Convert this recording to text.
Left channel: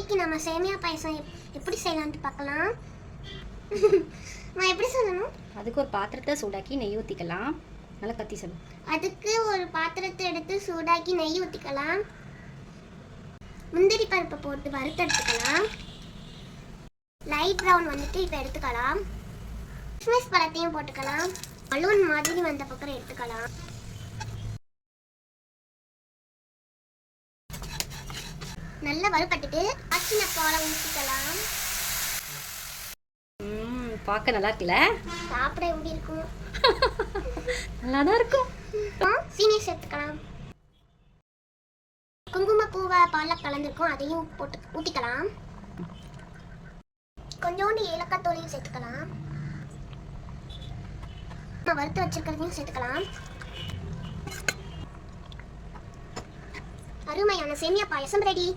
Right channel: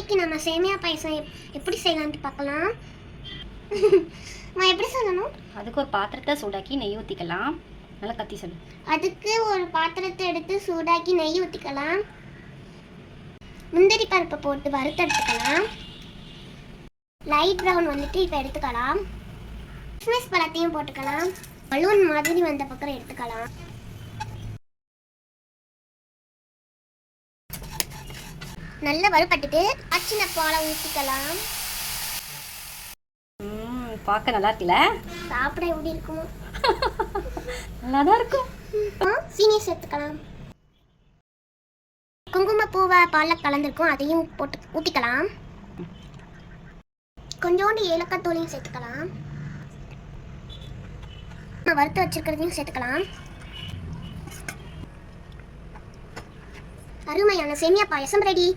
இன்னைக்கு நம்ம சேமியா பாயசம் எப்படி செய்யலாம்னு பார்க்கலாம். நான் எப்படி சொல்லணும்? அதுக்கு ஒரு பாத்திரத்தை சூடாக்கி நெய் ஊற்றிக்கலாம். நல்லா கத்தி சொல்லு. அதுக்கு ஒரு பாத்திரத்தை எடுத்து சூடாக்கி நெய் ஊற்றிக்கலாம். முந்திரி பருப்பை போட்டு வறுத்தெடுத்துக்கலாம். லைட் ப்ரௌன் வந்துட்டு இப்போ எடுத்துக்கலாம். கிறிஸ்மஸ் பழத்தையும் போட்டுக்கலாம். பலூன் மாதிரி வந்த பக்கம் எடுத்துக்கலாம். நல்லா வறுபட்டுட்டு அச்சின போல ஊற்றிக்கலாம். பார்க்க நல்லா இருக்குல்ல? சாப்பிட எப்படி இருக்கும்? நல்லா தான் இருக்கும். சீனியை சேர்த்துக்கலாம். குங்குமப்பூவை பாலில் கலந்துருக்கும், அதையும் போட்டு ஊற்றிக்கலாம். கொஞ்சோண்டு ஏலக்காய் தூளையும் சேர்த்துக்கலாம். வறுத்து வச்சிருக்கிறதையும் சேர்த்துக்கலாம். அருமையான சேமியா பாயசம் ரெடி.